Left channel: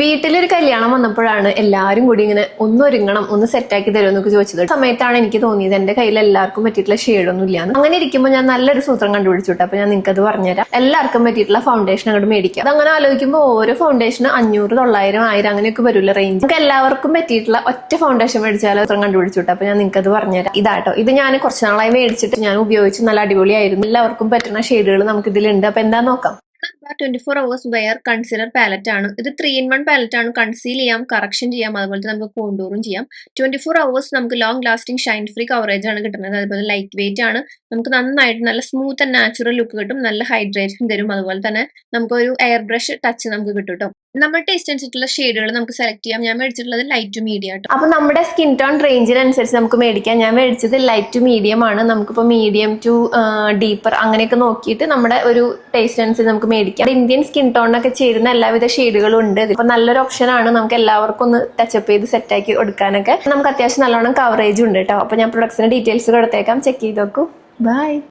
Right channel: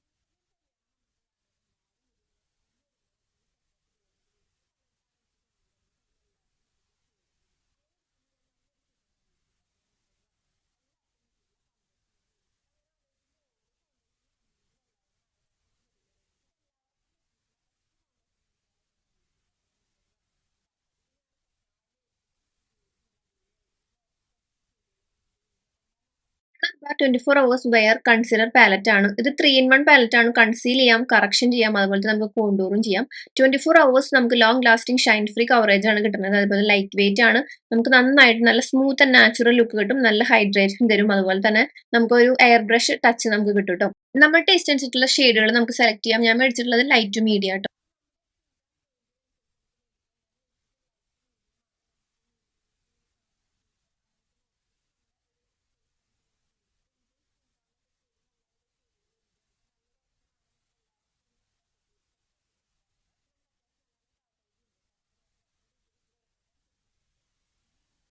വീട്ടിലൊരു കല്യാണം വന്നപ്പോഴാണ് എല്ലാവരും കൂടി ഇങ്ങനെ ഒന്ന് ഒരുങ്ങണം ഒന്ന് സെറ്റാക്കി തരുമെന്നൊക്കെ ചോദിച്ചത്. ആ സമയത്താണ് എനിക്ക് തോന്നിയത് എന്റെ കയ്യിൽ എല്ലാവർക്കും പറ്റിയിട്ടുള്ള ഷെയ്ഡൊന്നും ഇല്ല അങ്ങനെ ഇരിക്കുമ്പോൾ ഞാൻ നല്ലൊരു സൂത്രം കണ്ടുപിടിച്ചിട്ട് അപ്പൊ ഞാൻ നിങ്ങൾക്ക് അത് പറഞ്ഞുതരാം. എല്ലാവർക്കും പറ്റിയിട്ടുള്ള ഫൗണ്ടേഷൻ അങ്ങോട്ട് മേടിക്കാം. അങ്ങനെ ആലോചിക്കുമ്പോൾ ഓരോ ഫൗണ്ടേഷന് അഞ്ഞൂറ് തൊള്ളായിരം ആയിരം അങ്ങനെയൊക്കെ വരില്ല റേഞ്ച് നമുക്ക് എല്ലാവർക്കും പറ്റിയിട്ടുള്ള ഒറ്റ ഫൗണ്ടേഷൻ മേടിച്ചാൽ സൂത്രം കണ്ടുപിടിച്ചിട്ട് അപ്പൊ ഞാൻ നിങ്ങൾക്ക് അത് പറഞ്ഞുതരാം. ഇതാട്ടോ. ഇത് ഞാൻ കുറച്ച് നാളായി മേടിച്ചിട്ട് ഞാൻ ഉപയോഗിച്ച് നല്ല അടിപൊളിയായിരുന്നു. എല്ലാവർക്കും പറ്റുന്ന ഷെയ്ഡുകൾ നമുക്ക് ഇതിലുണ്ട് അപ്പൊ എന്താ നോക്കാം. Twenty four hours wear concealer palette ആണ്. ഇത് ത്രീ ഇൻ വൺ പാലറ്റ് ആണ്. കൺസീൽ ചെയ്യാം കറക്ഷൻ ചെയ്യാം അതുപോലെ തന്നെ നമുക്ക് കോണ്ടൂറും ചെയ്യാം. ട്വന്റി ഫോർ അവേഴ്സ് നമുക്ക് long lasting shine free coverage ആണ് കിട്ടുന്നത്. അതുപോലെ ലൈറ്റ് വെയിറ്റ് ആണ്. നമുക്ക് നന്നായിട്ട് നല്ല സ്മൂത്ത് ആൻഡ് നാച്ചുറൽ ലുക്ക് കിട്ടും. നല്ല ഹൈഡ്രേഷൻ തരും. അതുപോലെ തന്നെ നമുക്ക് ഒരു എയർ ബ്രഷ് ടച്ച് നമുക്ക് കിട്ടും കേട്ടോ നമ്മുടെ ടേസ്റ്റ് അനുസരിച്ചുള്ള ഷെയ്ഡുകൾ നമുക്ക് സെലക്ട് ചെയ്യാം. ഞാൻ മേടിച്ചിട്ടുള്ളത് ലൈറ്റ് ടു മീഡിയം ആട്ടോ. അപ്പൊ നമ്മുടെ സ്കിൻ ടോൺ റേഞ്ചിനനുസരിച്ച് നമുക്ക് മേടിക്കാം. ഞാൻ മേടിച്ചത് ലൈറ്റ് ടു മീഡിയം ആണ്. നമുക്കിപ്പോൾ മീഡിയം ടു ഡീപ്പർ അങ്ങനെയൊക്കെ നോക്കിയിട്ട് നമ്മുടെ ഒരു ടേസ്റ്റ് അനുസരിച്ച് നമുക്ക് മേടിക്കാം. ഇന്ത്യൻ സ്കിൻ ടോണിനൊക്കെ ചേരുന്ന എല്ലാവിധ ഷെയ്ഡുകളും ഉണ്ട്. ഇപ്പൊ നല്ലൊരു ഓപ്ഷൻ ആണ് നമുക്ക് എല്ലാവർക്കും ഒന്ന് ടച്ചപ്പ് ചെയ്ത് സെറ്റാക്കി കൊടുക്കാനൊക്കെ നമുക്ക് അത്യാവശ്യം നല്ലോണം കവറേജ് ഉണ്ട് കേട്ടോ അപ്പൊ ഞാൻ പ്രൊഡക്ട്സിന്റെ ഡീറ്റെയിൽസ് കൊടുത്തേക്കാം ചെക്ക് ചെയ്ത് നോക്കൂ. ബൈ